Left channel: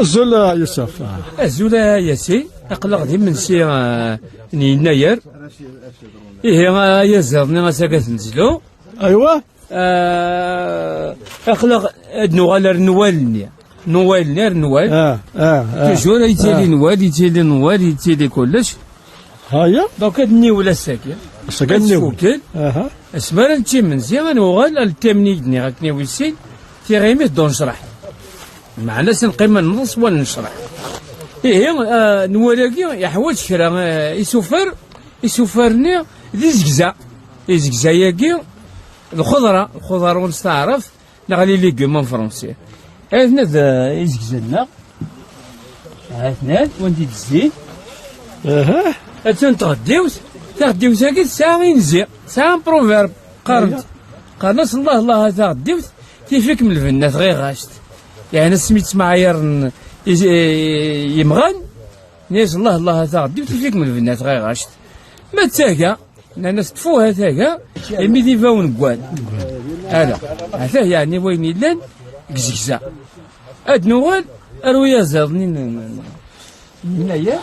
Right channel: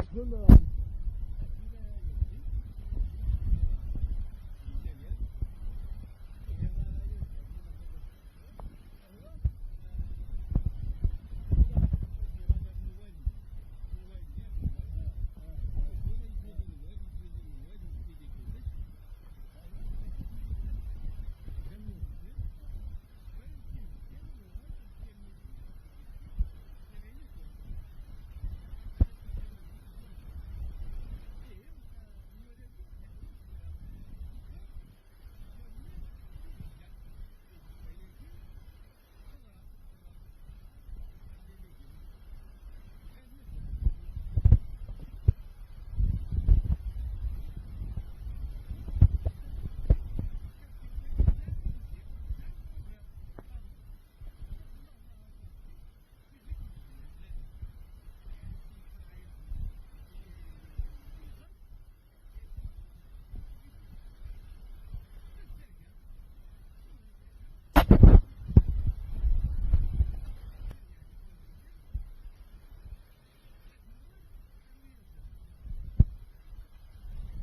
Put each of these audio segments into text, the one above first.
الزول يوسف. الزول ياسين أقلق دي من سي يناير. إيه يزرني غساكا نزلو. أيوا. أقلق نوال نوالني. نوال. توجور يتيلي نوال يتيلي كلش. هيا. دونك هاد ولا الساكن. الساكن فوكل. اسمع نتي من زيان نوغال التمنيدني غاكني ويسين تيغيمي دون نشرح. معنا سنقيم النص ولا نشرح. إيه نوالاكي يحوج كرا يسوفرني ذي زكزا ياكي الخضرة ونستعرف نغلي ليكيوم فرونسي. هاثنا ذا يزكزنا هاثنا وانتي تزين. هاتون تغديوس هاكي ساعة ينزي ساعة بروفيرب قرنت الله تغديوس تيفيك من الفنات غير غاشت. يعني سميت معايير يمغان ناس الله تغدي وتفيك من البنات غير غاشت ما تاكا الناس تفوها تاكا ميدي فاون كوان هذا هذا يعني وين يلان كزكزا هاد نوال ارويا زادني من ايام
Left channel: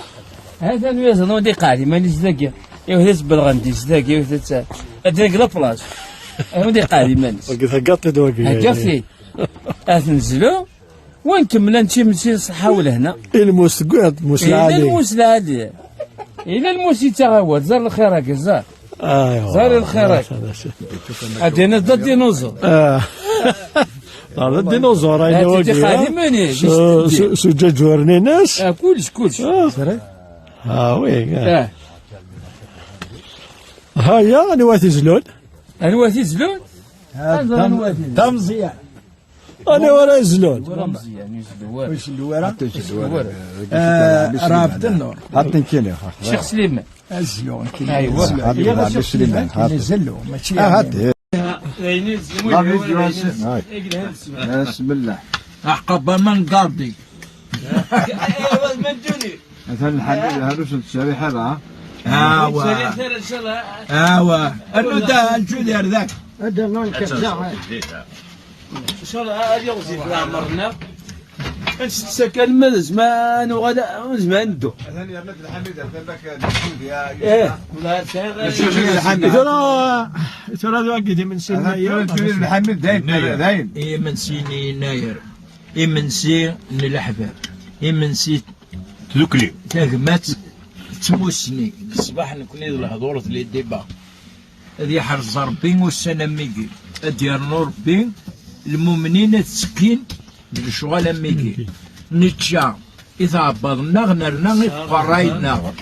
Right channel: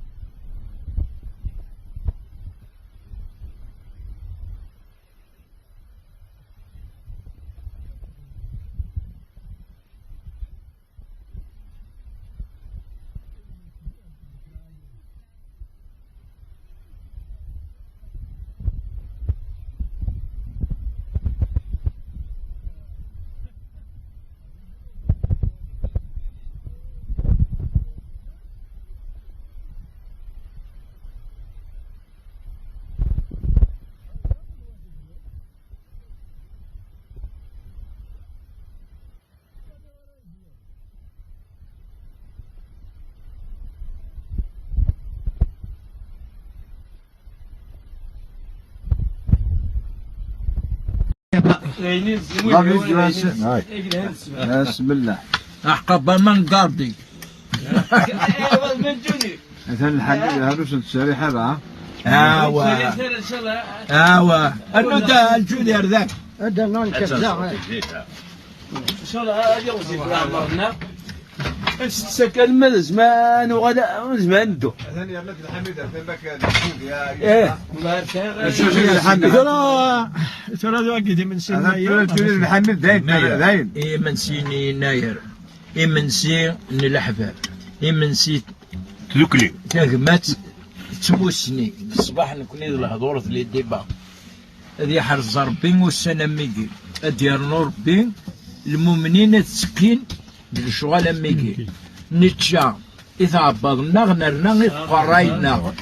هذا نويا زادني ودي قاعدي مانيش ذاكي يوهز بالغندي ذاكي يوهز هذاك لابلاج ودي قاعدي مانيش هكاطي دواكي هكاطي نزلو وانتم نمشي نصحاو لهنا الموس قعد موس العالي الموس العالي الى الموس يتغاود زار الخيرك زار زار الخيرك هادينا ضد الديناصور الديناصور راهي واقف سجاج ورني ناس كلش وي هيا نواتي زلون تمزيان أنا ورا زلون واش اللوارة؟ رابط النور حاطين كيلو شيخ سليمان الزلون ايوا شيخ سليمان زلو ماشي هاد بسم الله عقب من قاضي مثلا الحديد هذا وصلت الشريحة راه اوا انت الجودير ذاك هذا الله يكرزاه ان شاء الله هذه غزي بلا مرنا نسكن من زمان وغدا زمان ندو ثاني احمد الحميد فين ترى واقدي من سن الحميد دايم اي من سن يناير اي من سن الحباب اي من سن تذكري كاغمات تموسني الصباح نكوني الهضور في الديبا هذه حرز ربي والسنه ميكي ديال ربي المؤمنين تسكين بالشغل ميكي نتشا إذا عبضنا غنرنا قراينا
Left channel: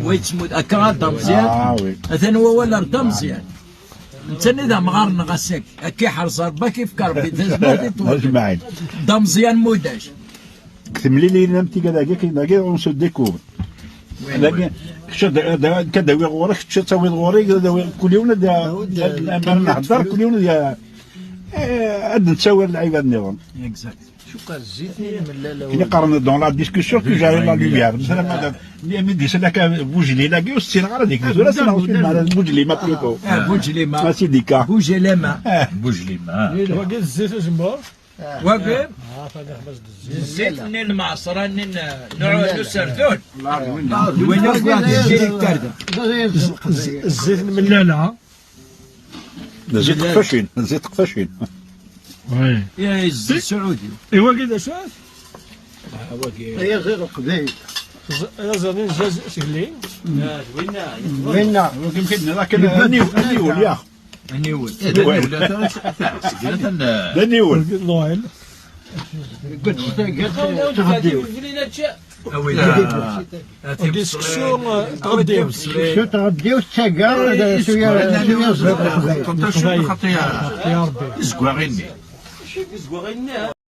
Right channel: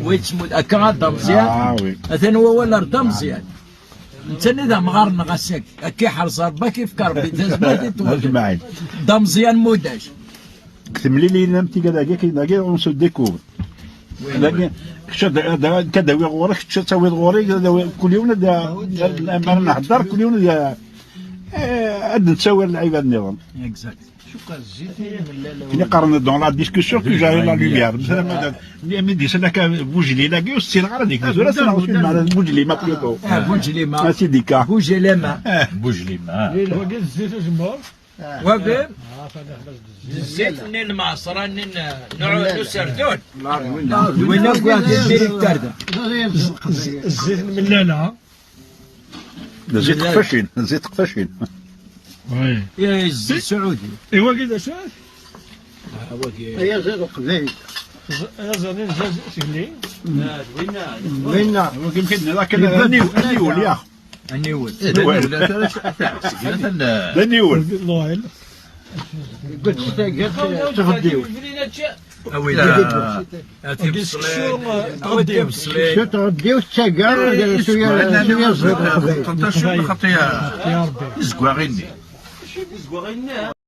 ويتمود أكا دمزيان أثن هو ولا دمزيان أنت إذا مغارنا غساك أكي حرز ربا كيف كربي أجمعين دمزيان موداش كتملي لي نمتي كذا كي ونسو ديكور لكن كداوي غورك تساوي غوري كل يوم ما نحضر كل يوم عاد نتساوي العباد النظام اكزاكت شوف الزيت كي قارن دون لا ديسكسيون كي جاي لا ليميار مثلا ملي ديس لك بوجلي لاكي والسين غير ديك ولا سنعرف مع بوجلي ما بليكو بوجلي ما سي ديكا بوجلي ما بوجلي ما الزيت اجمر وبين الزيت من المعصرة نوع سردون وين واحد الديريكتور الزيت الملالة زيت قفاشين زيت قفاشين يا الزيت السعودي ايوا كذا شاف هي زيت قبيل يا زين زاز سهلين وين يمكن لكن النيول يا النيول النيول النويل قلت تغديو شو تغديو السكر شويه خطيه زكواغيني